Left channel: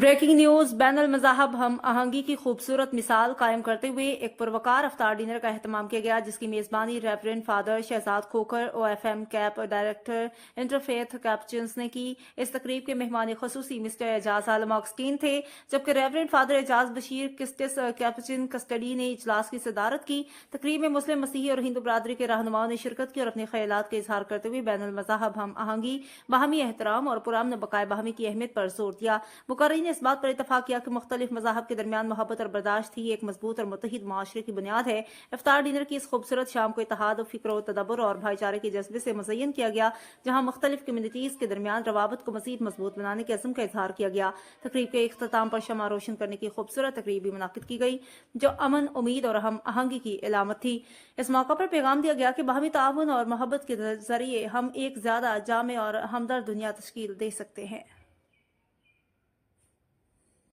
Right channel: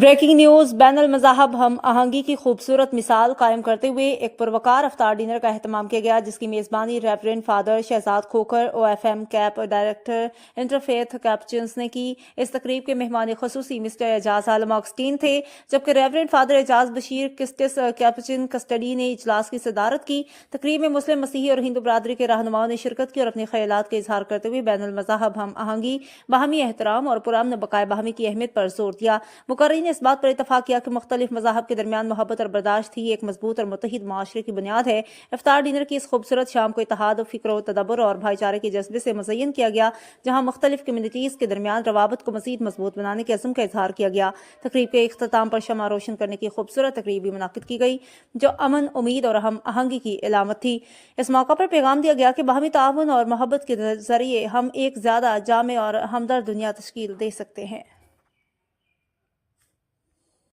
Breaking news بین المذاہب ہم آہنگی کی خوبصورت مثال قائم کرتے ہوئے ایک پروقار افطار ڈنر کا اہتمام کیا گیا، جس کی میزبانی reverend father Shahzad Khokhar OFM Cap director interfaith Capuchins نے کی۔ اس تقریب کے مہمان خصوصی مسٹر اعجاز عالم آگسٹین تھے، جبکہ ریورنڈ فادر اعجاز بشیر کسٹس کیپچن کسٹڈی نے اجلاس کی صدارت کی۔ تقریب میں مسلم، مسیحی اور ہندو برادری کے رہنماؤں نے شرکت کی اور اپنے خیالات کا اظہار کرتے ہوئے بین المذاہب ہم آہنگی، باہمی احترام اور پرامن بقائے باہمی کی اہمیت پر زور دیا۔ مقررین نے اس بات پر اتفاق کیا کہ مختلف مذاہب کے درمیان محبت اور برداشت ہی ایک مضبوط اور متحد معاشرے کی بنیاد ہے۔ افطار ڈنر کی اس خوبصورت شام کو اتحاد و فکر و تدبر اور بھائی چارے کے جذبے سے مزین کیا گیا، جہاں مختلف کمیونٹیز کے درمیان روابط کو مزید مضبوط بنانے کے عزم کا اظہار کیا گیا۔ تقریب کے اختتام پر شمع روشن کرنے کی خوبصورت تقریب بھی منعقد کی گئی، جو امن، امید اور ہم آہنگی کی علامت تھی۔ اس موقع پر پیغام دیا گیا کہ باہمی تعاون اور محبت کے ذریعے ہم ایک زیادہ جامع اور ہمدرد دنیا تشکیل دے سکتے ہیں۔